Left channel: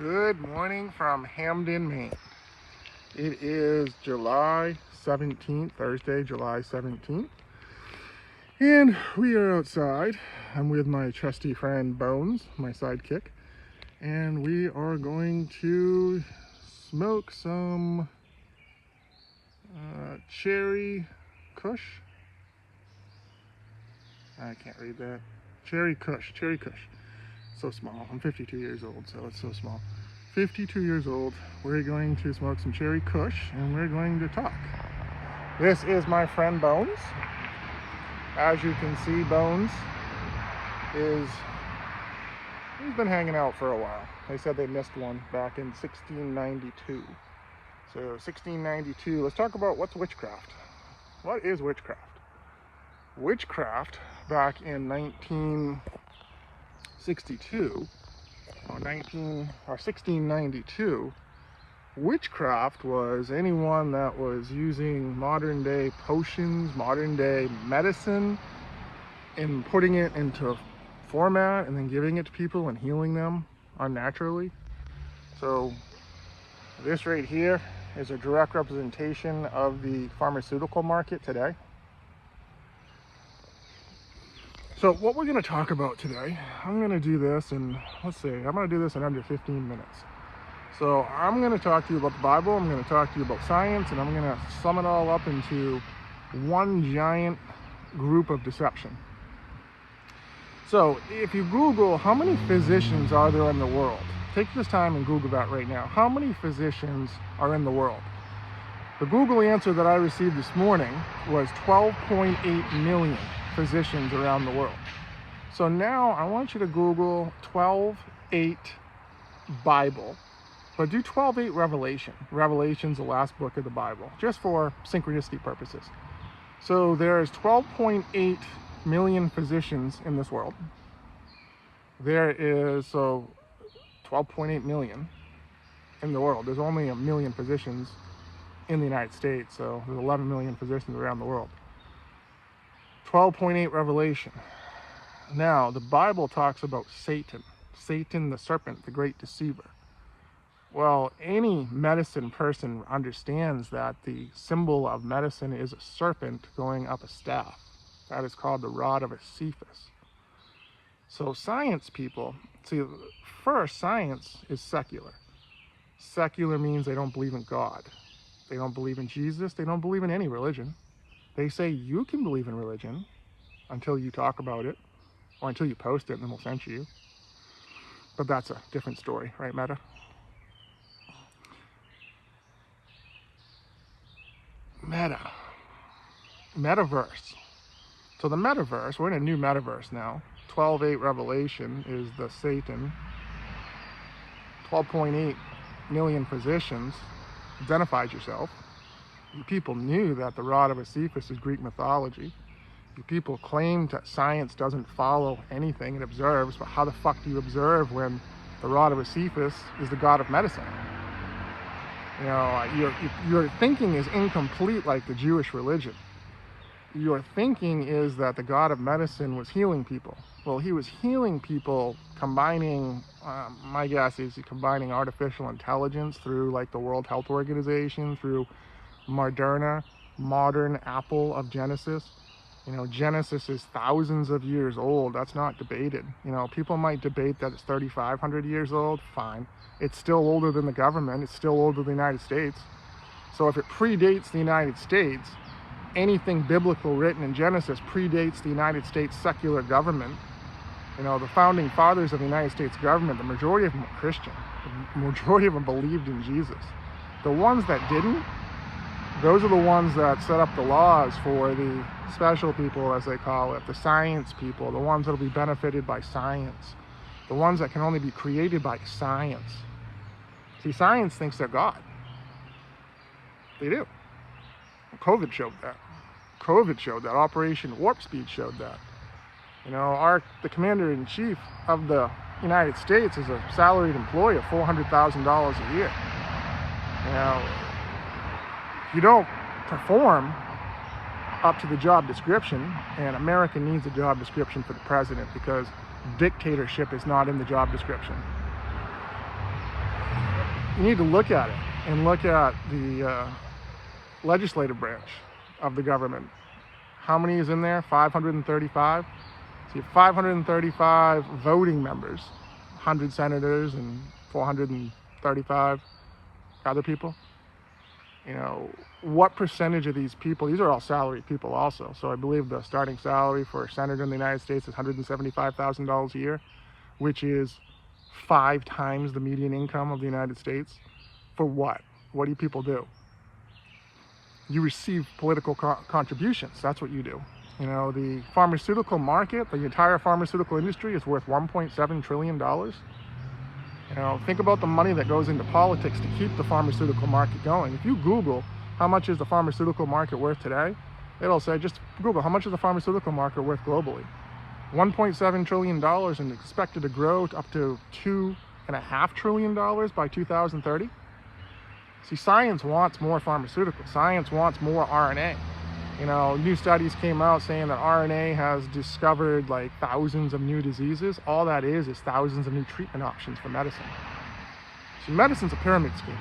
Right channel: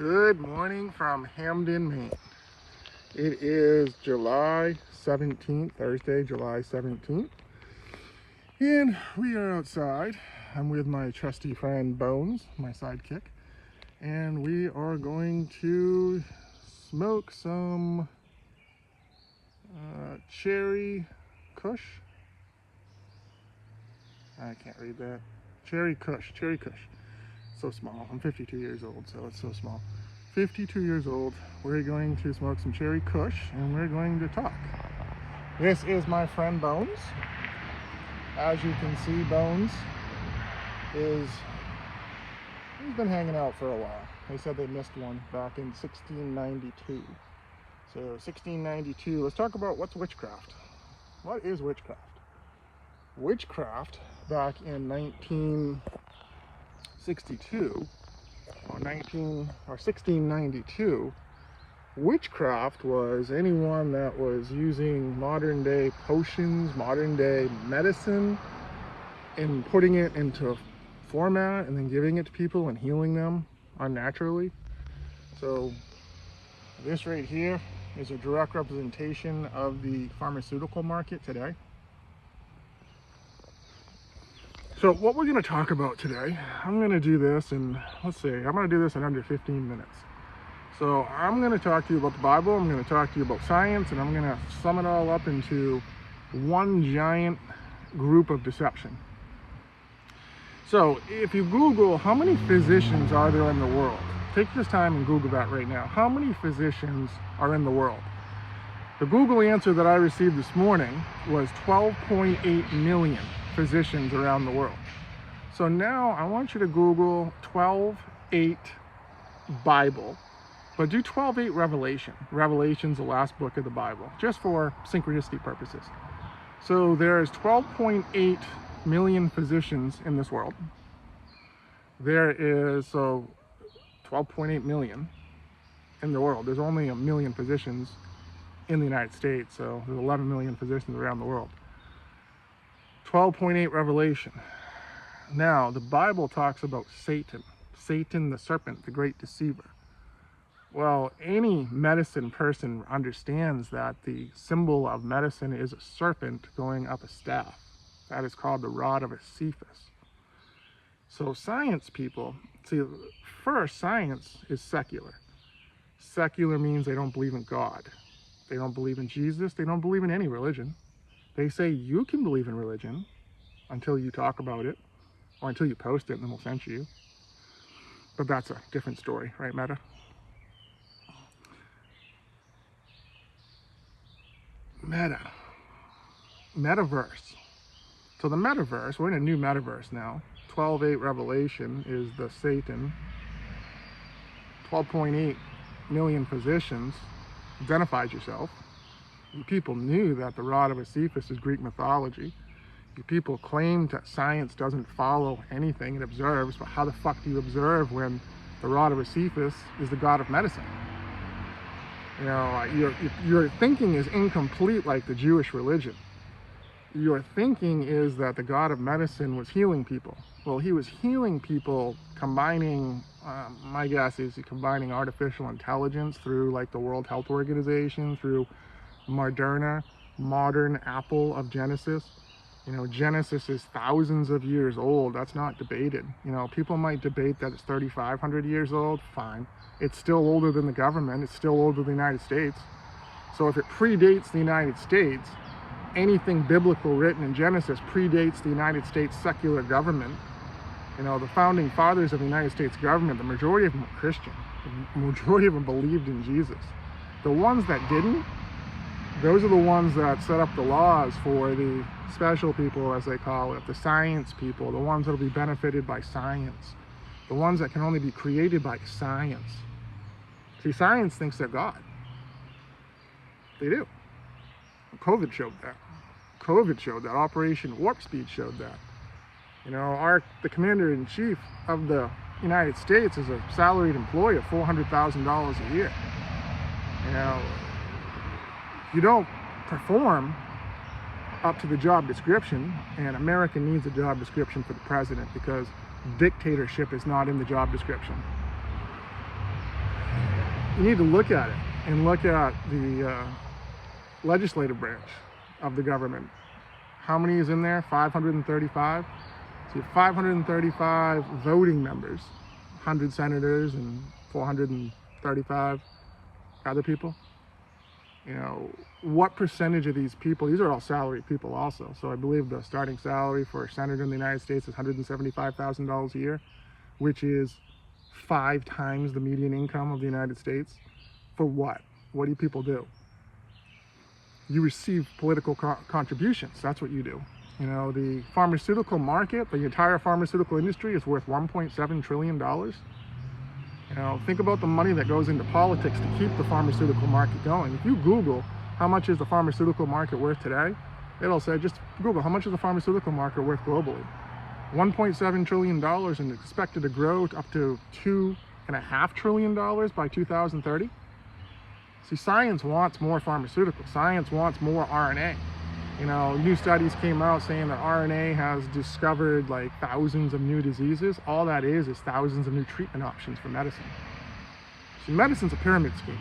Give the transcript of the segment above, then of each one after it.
Good morning from Hamden, Maine. It is July 17th, Thursday, July 17th. And we are outside. I'm with my trusty friend Bones, my sidekick. And we are going to smoke some cherry kush. I can't read that. Cherry kush. So small. I'm 52 years old, so it's so small. 52 years old. We're going to smoke some cherry kush and we're going to talk. This is my friend Bones. As you can see, Bones he's been hanging out for a while. They said they missed one back in 1692. So 1692, let's talk about what's witchcraft. What is witchcraft? Witchcraft back in 1692, witchcraft was anyone that was using modern day potions, modern day medicine, and putting it into a format and then giving it to people and healing them unnaturally. So this right here is a direct representation of the pharmaceutical market today. So what we're going to talk about today, I'm going to do this in, I'm going to do this in under 15 minutes. So I'm going to talk to you about the Bible, I'm going to talk to you about science, and I'm going to sum it all up into one giant group of deception. So if you Google how many physicians are there in the world, take this time and Google that right now. How many physicians are in the world? The Google answer that I received this morning was 12.8 million physicians around the world. So now I want you to Google 12.8 Bible, but do 12.8 Revelation. Revelation's the last book of the Bible, just for synchronicity purposes. So there's 12.8 million physicians in this world. There is 12.8 million in the world. There's only 1 million physicians in the United States, so there's 11 million physicians around the world. 12.8 Revelation. Now, the Bible talks about Satan the serpent, the great deceiver. Well, any medicine person understands that the symbol of medicine is a serpent going up a staff. That is called the rod of Cephas. So science people, see, first, science is secular. Secular means they don't believe in God. They don't believe in Jesus. They don't believe in any religion. They say you can believe in religion until you talk about it, or until you post it and then we'll censor you. But that's a different story, right, Meta? Metaverse. So the metaverse, we're in a new metaverse now. 12.8 Revelation is the Satan. 12.8 million physicians. Identifies yourself. You people knew that the rod of Cephas is Greek mythology. You people claim that science doesn't follow anything, it observes, but how the fuck do you observe when the rod of Cephas is the god of medicine? You know, your thinking is incomplete like the Jewish religion. Your thinking is that the god of medicine was healing people. Well, he was healing people combining, my guess is he's combining artificial intelligence through like the World Health Organization, through Moderna, modern Apple of Genesis. You know, Genesis is thousands of years old. That's not debated. You know, people might debate that it's 3,500 years old. Fine. It's still older than the government. It's still older than the United States. So if it predates the United States, anything biblical written in Genesis predates the United States secular government. You know, the founding fathers of the United States government, the majority of them were Christian. The majority of them believed in Jesus. The ones that didn't, those are the ones that set up the laws for the special people, as they call it, the science people, the ones that will be benefited by science, the ones that can only be created by science. See, science thinks they're God. They do. COVID showed that. Operation Warp Speed showed that. You know, the commander-in-chief of the United States is a salaried employee of $400,000 a year. You know, if you don't perform up to the job description, and America needs a job description for the president because dictatorship is not in the job description. you need to look at it and look at the legislative branch of the government. How many is in there? 535. So you have 535 voting members, 100 senators and 435 other people. You know, what percentage of these people, these are all salaried people also. So I believe the starting salary for a senator in the United States is $175,000 a year, which is 5 times the median income of the United States. For what? What do people do? You receive political contributions. That's what you do. You know, the pharmaceutical market, the entire pharmaceutical industry is worth $1.7 trillion. You know, think about the money that goes into politics to keep the pharmaceutical market going. If you Google how much is the pharmaceutical market worth today, it'll say, just Google how much is the pharmaceutical market worth globally. $1.7 trillion and expected to grow to up to $2.5 trillion by 2030. See, science wants more pharmaceuticals. Science wants more RNA. You know, new studies came out saying that RNA has discovered like thousands of new diseases. All that is thousands of new treatment options for medicine. See, medicine's a pyramid scheme.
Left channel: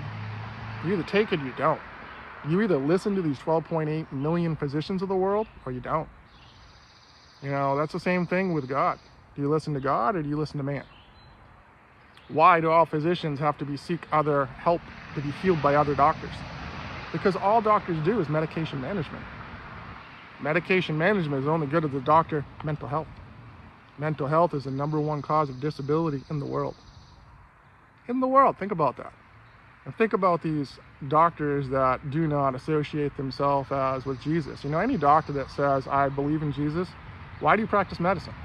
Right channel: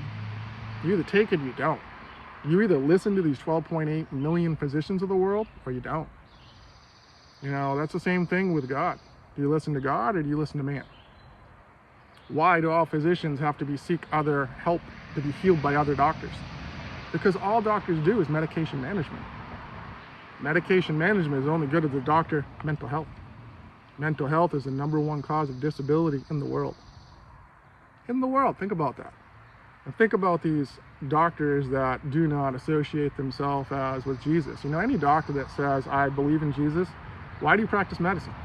You either take it or you don't. You either listen to these 12.8 million physicians of the world or you don't. You know, that's the same thing with God. Do you listen to God or do you listen to man? Why do all physicians have to seek other help to be healed by other doctors? Because all doctors do is medication management. Medication management is only good at the doctor. Mental health. Mental health is the #1 cause of disability in the world. In the world, think about that. And think about these doctors that do not associate themselves as with Jesus. You know, any doctor that says, I believe in Jesus, why do you practice medicine?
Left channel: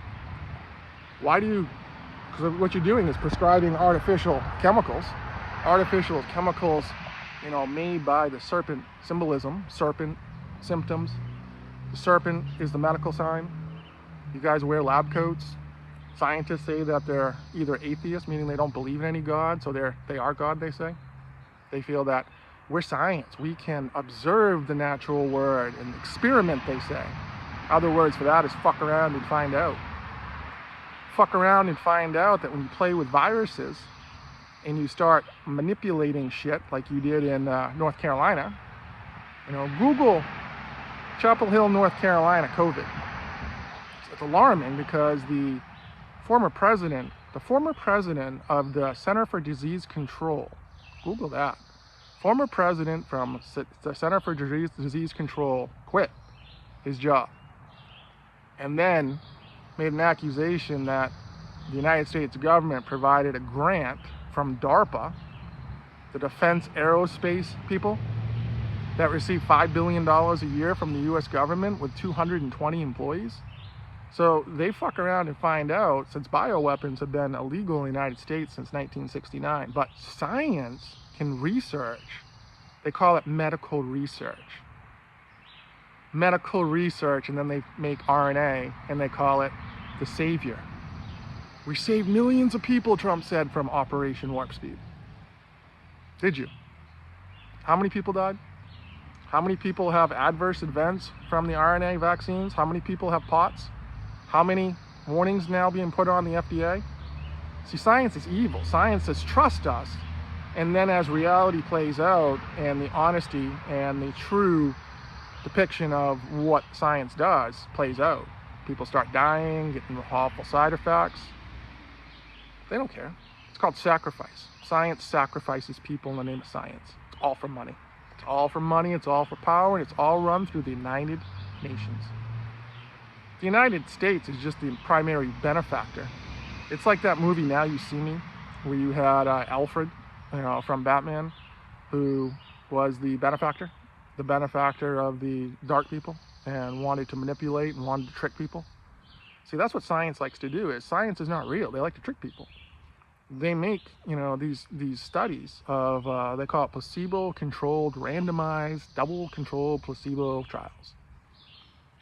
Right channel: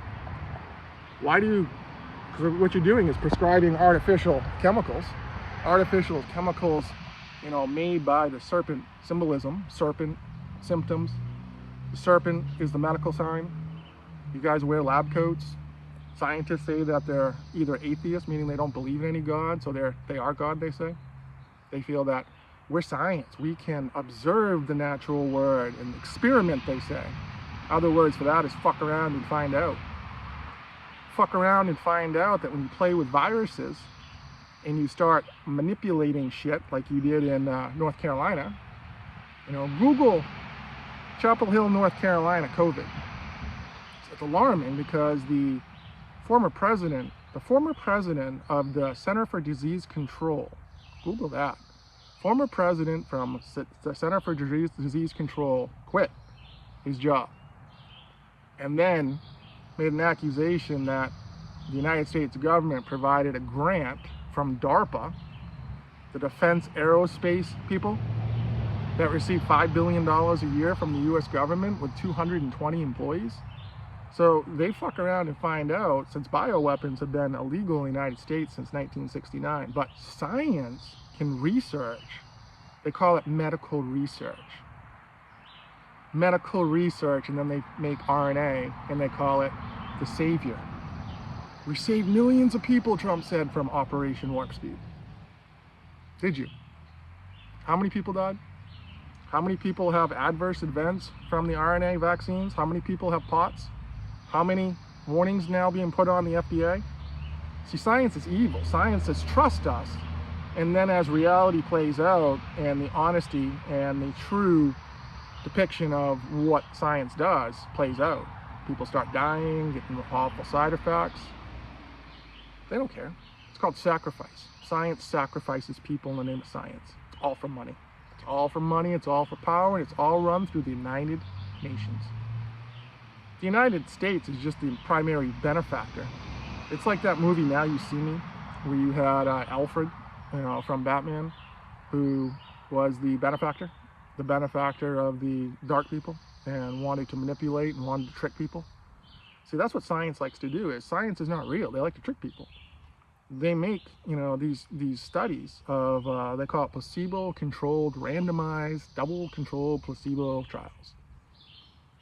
Why do you, because what you're doing is prescribing artificial chemicals, you know, made by the serpent symbolism, serpent symptoms. The serpent is the medical sign. You guys wear lab coats. Scientists say that they're either atheists, meaning they don't believe in any God, so they are God, they say. They feel that we're science. We can observe the natural world and experiment, they say. Other words for that is fuck around and find out. Fuck around and find out that when you play with viruses and you start manipulating shit like you did in North Carolina, you know, Google Chapel Hill, North Carolina, COVID. It's alarming because the former president of the Center for Disease Control, Google that, former president from the Center for Disease Control quit his job and then made an accusation that the United States government provided a grant from DARPA, the Defense Aerospace people, that receive $5 billion a year from the US government with 220 employees. So they fuck around and find out, since bioweapons have been illegal in the United States since 1969, but science can research. They call it medical research. Medical research, and then they make RNA and they call it the savior. We saved millions of people, Trump said, from Operation Warp Speed. Did you? How many people died? How many people have adverse events from the RNA vaccines? How many people have POTS? How many warnings now being put on the FDA? See, science is evil. Science says trust us. And then as reality plays out and the honesty and the true depiction of what science does plays out, people start dying, getting awful side effects. They don't care. It's called sacrifice. Science sacrifices people in the name of science. It's all for money. It's all for money, it's all for power, and it's all run through the United Nations. The United States is just the primary benefactor. It's like that movie, Now You See Me, where you had Alfred, you know, from Batman, who was the benefactor of the dark people and wanted to manipulate and wanted to trick people. See, that's what science likes to do. Is science is not real. They like to trick people. They make, you know, these studies of, they call it placebo-controlled, randomized, double-controlled placebo trials.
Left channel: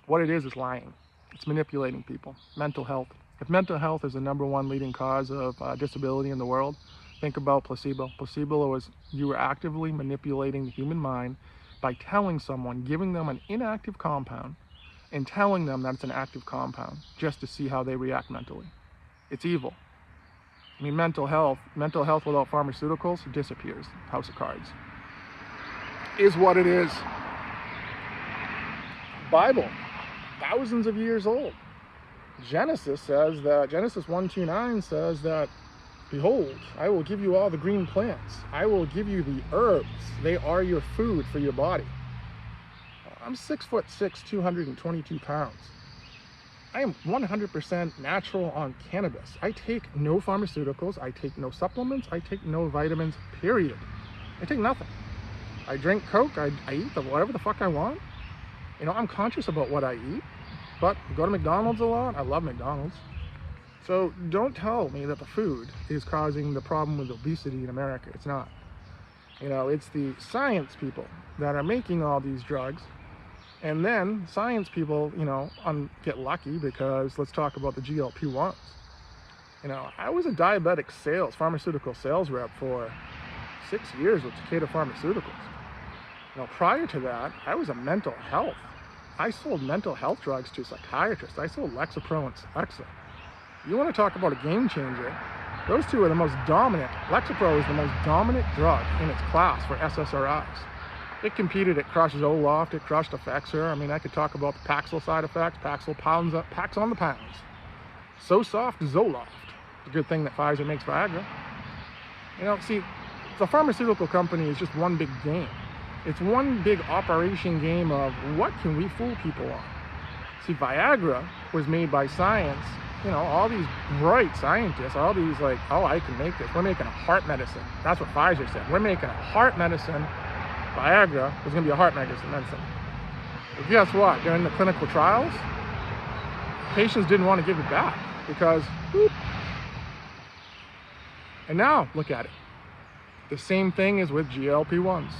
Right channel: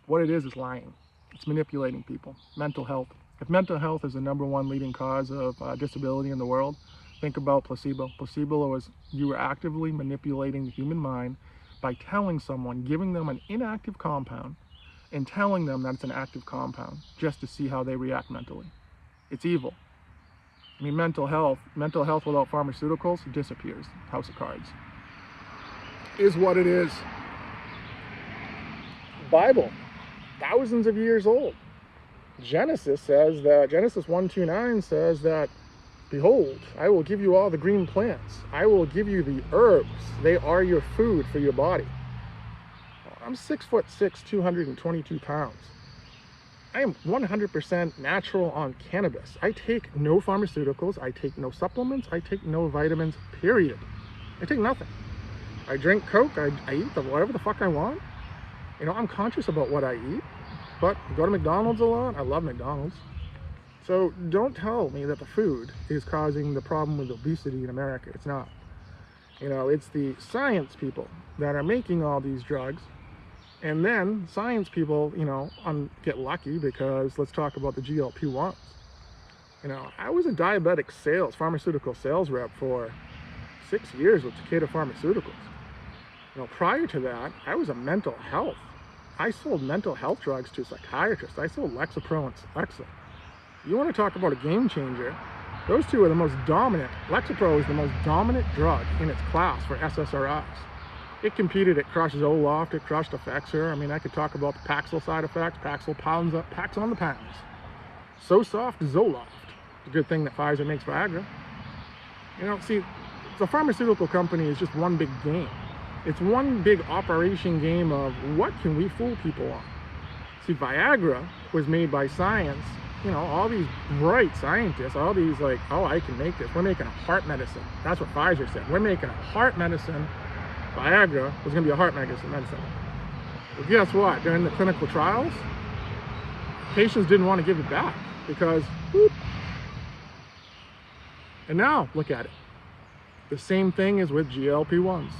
What it is lying. It's manipulating people. Mental health. If mental health is the #1 leading cause of disability in the world, think about placebo. Placebo was you were actively manipulating the human mind by telling someone, giving them an inactive compound, and telling them that it's an active compound just to see how they react mentally. It's evil. I mean, mental health without pharmaceuticals disappears. House of cards. Is what it is. Bible, thousands of years old. Genesis 1:2-9 says that, behold, I will give you all the green plants. I will give you the herbs. They are your food for your body. I'm 6'6", 222 pounds. I am 100% natural on cannabis. I take no pharmaceuticals. I take no supplements. I take no vitamins, period. I take nothing. I drink Coke. I eat whatever the fuck I want. You know, I'm conscious about what I eat, but I go to McDonald's a lot. I love McDonald's. So don't tell me that the food is causing the problem with obesity in America. It's not. You know, it's the science people that are making all these drugs. And then science people, you know, get lucky because let's talk about the GLP-1s. You know, I was a diabetic pharmaceutical sales rep for 6 years with Takeda Pharmaceuticals. You know, prior to that, I was a mental health. I sold mental health drugs to psychiatrists. I sold Lexapro and Celexa. You want to talk about a game changer? Those two are the most dominant. Lexapro is the most dominant drug in its class for SSRIs. It competed, it crushed Zoloft, it crushed Effexor. I mean, I could talk about the Paxil side effects. Paxil packs on the pounds. So soft, Zoloft. It's a good thing that Pfizer makes Viagra. You know, see, the pharmaceutical company is just one big game. It's one big operation game of what can we fool people on. See, Viagra was made by science. You know, all these bright scientists, all these like, oh, I can make this. We're making a heart medicine. That's what Pfizer said. We're making a heart medicine. Viagra was going to be a heart medicine. But guess what? During the clinical trials, patients didn't want to give it back because, whoop. And now, look at it. The same thing is with GLP-1s.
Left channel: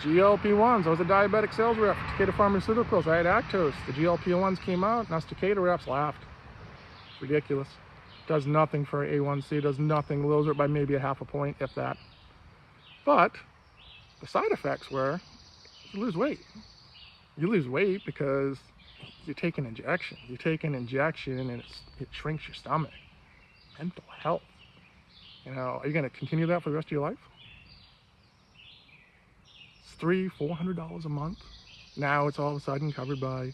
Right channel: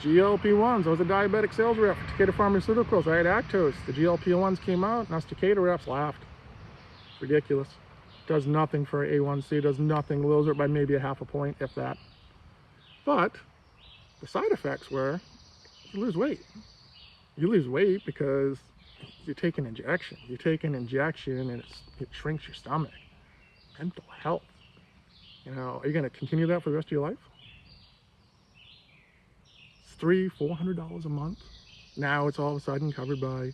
GLP-1s, I was a diabetic sales rep for Takeda Pharmaceuticals. I had Actos. The GLP-1s came out, and us Takeda reps laughed. It's ridiculous. Does nothing for A1C, does nothing, lowers it by maybe a half a point, if that. But the side effects were you lose weight. You lose weight because you take an injection. You take an injection and it shrinks your stomach. Mental health. You know, are you going to continue that for the rest of your life? It's $300-400 a month. Now it's all of a sudden covered by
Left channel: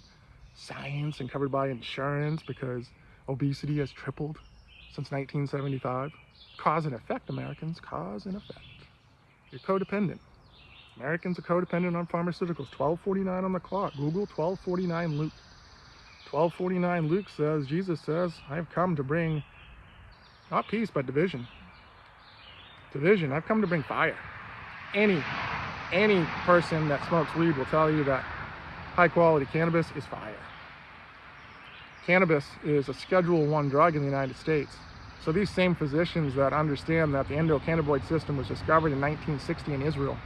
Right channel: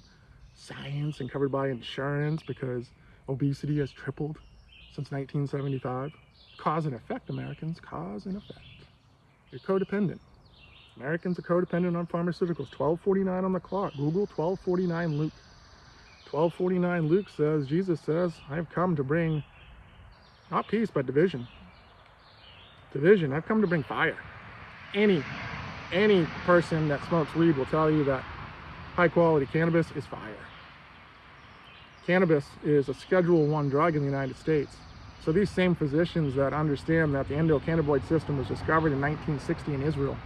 science and covered by insurance because obesity has tripled since 1975. Cause and effect, Americans. Cause and effect. You're codependent. Americans are codependent on pharmaceuticals. 12:49 on the clock. Google 12:49 Luke. 12:49 Luke says, Jesus says, I have come to bring not peace, but division. Division. I've come to bring fire. Any person that smokes weed will tell you that high quality cannabis is fire. Cannabis is a Schedule I drug in the United States. So these same physicians that understand that the endocannabinoid system was discovered in 1960 in Israel,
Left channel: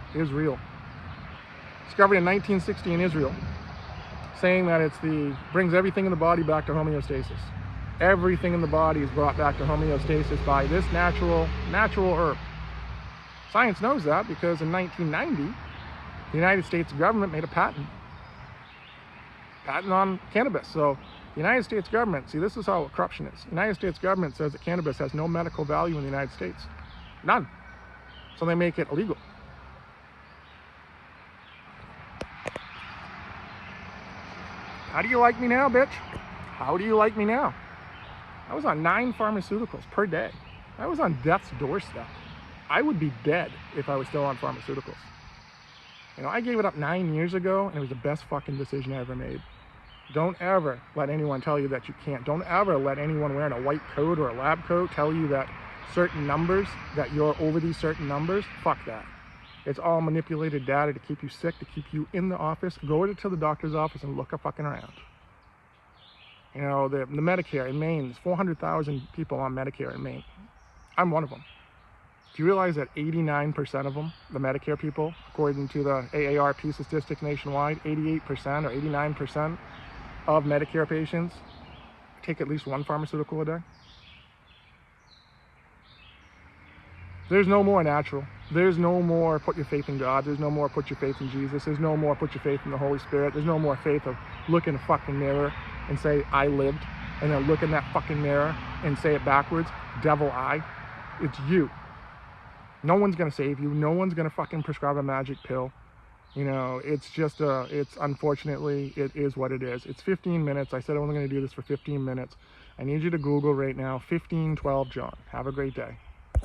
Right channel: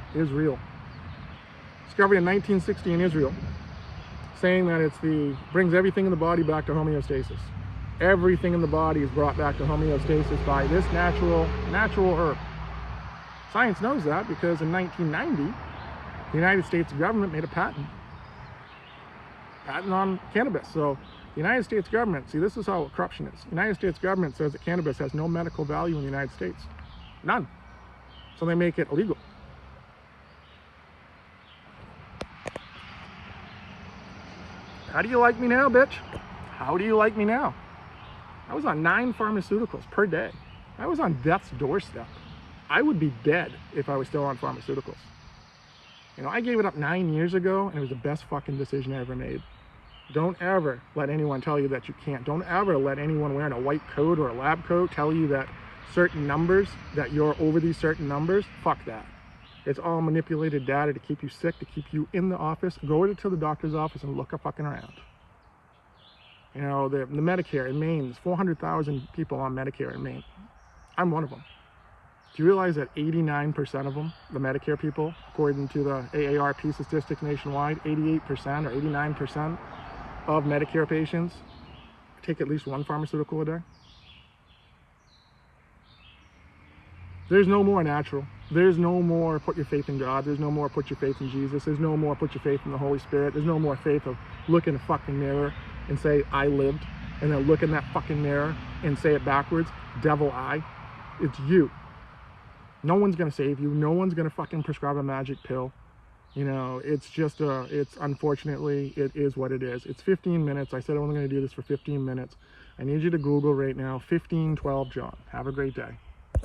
discovered in 1960 in Israel, saying that brings everything in the body back to homeostasis. Everything in the body is brought back to homeostasis by this natural herb. Science knows that because in 1990, the United States government made a patent on cannabis. So the United States government, see, this is how corruption is. The United States government says that cannabis has no medical value in the United States. None. So they make it illegal. How do you like me now, bitch? How do you like me now? I was on 9 pharmaceuticals per day. I was on death's doorstep. I would be dead if I was still on pharmaceuticals. You know, I gave it up 9 years ago, and it was the best fucking decision I ever made. Don't ever let anyone tell you that you can't. Don't ever let anyone wearing a white coat or a lab coat tell you that certain numbers, that you're over these certain numbers. Fuck that. It's all manipulated data to keep you sick, to keep you in the office. Go to the doctor's office and look fucking around. You know, the Medicare in Maine, there's 400,000 people on Medicare in Maine. I'm one of them. Do you realize that 89% of them, the Medicare people, according to the AARP statistics nationwide, 88% or 89% of Medicare patients take at least one pharmaceutical a day? There's no more natural. There's no more put your faith in God. There's no more put your faith in Jesus. There's no more put your faith in the Holy Spirit. There's no more faith of look in a fucking mirror and say, I lived, and then look in that fucking mirror and say it backwards, devil I. It's you. No one's gonna save you. No one's gonna fucking prescribe a magic pill. You know, it's just it's unfortunately, it is what it is. It's 15 minutes. I said I'm only gonna do this for 15 minutes. I need you to Google right now, 1512 John. Have a great day.